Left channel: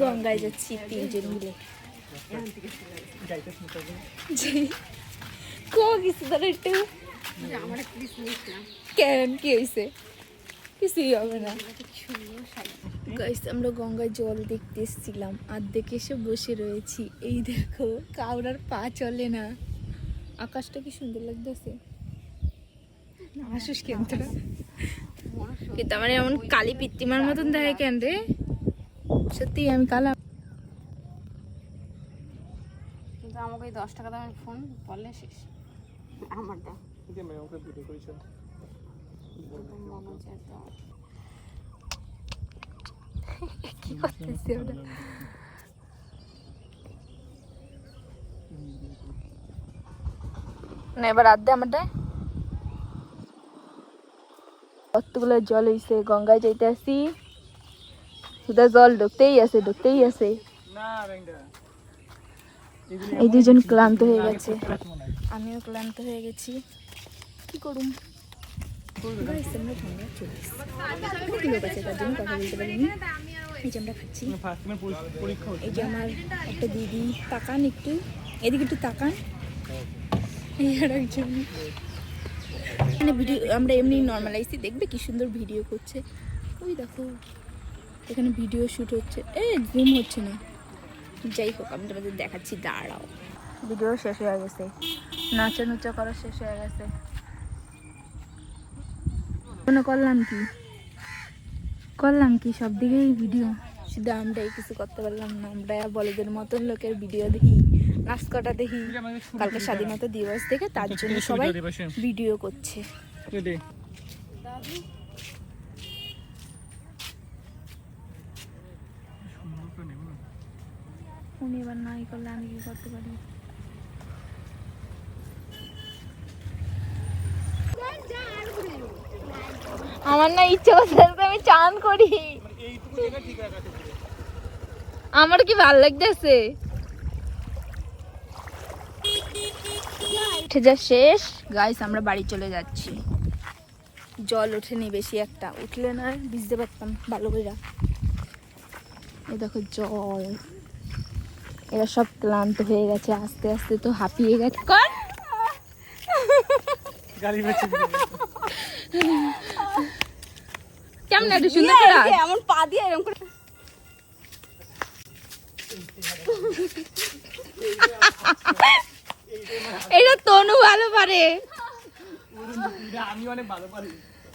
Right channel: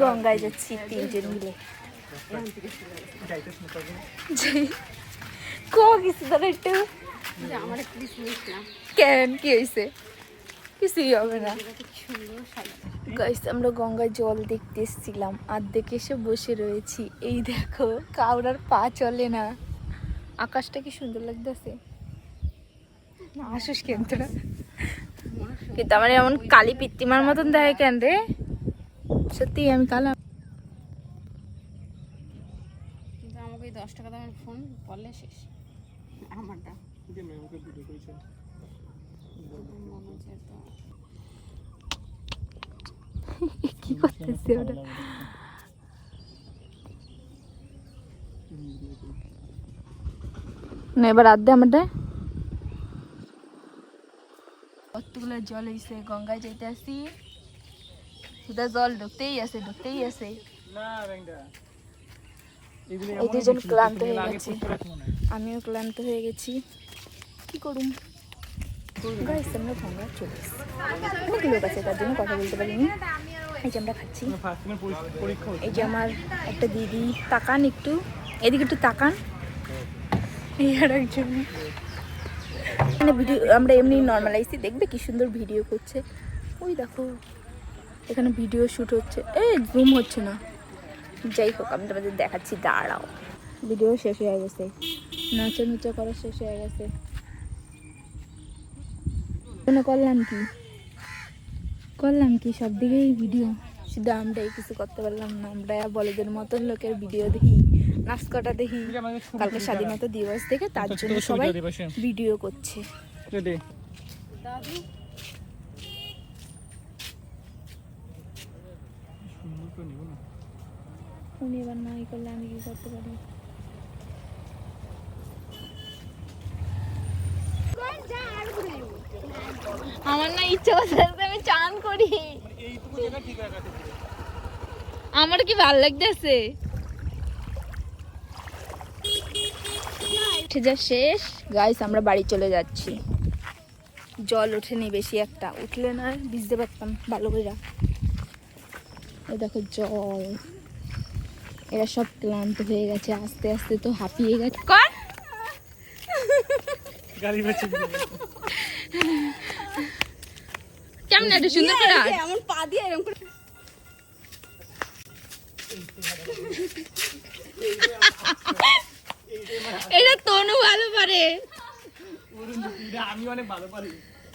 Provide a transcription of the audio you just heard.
গঙ্গায় যাচ্ছি 3 জন মিলে। কেন কি হয়েছে? কিছুই হবে না। গাইস আমরা গঙ্গায় জল দেখতে এসেছিলাম, আর দেখে এসে বসে রয়েছি। এই দেখো কাউরার পা চলে না। আকাশটা কি সুন্দর লাগতেছে। আসিস কেন তোরা? কিন্তু আমার এমন কালী পিত্তিমার মতন দেয় কেন রে? সত্যি আমি কালা। কিন্তু আমাকে 10 টাকা দামের ফোন বললে শেষ। আমার দাম ওকে ভিডিও করেছে এবার আড্ডা আমাদের কতগুলো জল হয়েছে। গঙ্গায় যাইতে আসি, জল ঢুকতেই আছে। এই দুজন ক্লান্ত হয়ে গেছে, আমিও ক্লান্ত হয়ে গেছি। কি করুম? গাইস আমরা গঙ্গা চলে এসেছি। অনেক লোক আছে, তার জন্য কথা বলতে পারিনি। এই যে আমরা খাচ্ছি। এই যে আমার একটা দিদি, তাকান একটু এদিকে, একটু তাকান। এই আর একজন ভিডিও, আমরা এমনি নর্মাল আইসি, দেখবে কি সুন্দর ভিডিও করছে। ওই দেখো এখানে ভিডিও শুট হচ্ছে। জুম হচ্ছে না, যাই হোক আমি তোমাদের দেখাচ্ছি, দাঁড়াও। ভিডিও শেষ হয়ে গেছে, নাচা নুচা করা শেষ হয়ে গেছে। করলাম কি সব দিকেই ভিডিও, শুধু আমরাই কিছু করতে পারলাম না। আমরা বলদের মতন লোকের ভিডিও দেখি, নাচ কটা দেখি। কালকে স্বাধীনতা দিবস থেকে তার জন্য সবাই ভিডিও করছে। উনি এবার নাই করলে আমি কি করতে পারি? আমার না ইচ্ছে করছে আমি চান করি, আমার কি ভালো লাগতেছে। যা শেষ গাইস, আমরা বাড়ি চলে যাচ্ছি। জল ওঠেনি বেশি একটা, উঠলে না ভিজতে পারতাম ভালো করে। এই দেখো জল, এরা সব ক্লান্ত হয়ে গেছে, আস্তে আস্তে তো হাঁপিয়ে গেছে। কেমন একটু সুন্দর করে এমন পা দিয়ে এরকম করে। এটা তনু ভালো পারে, আমি অনেক ভালো পারি।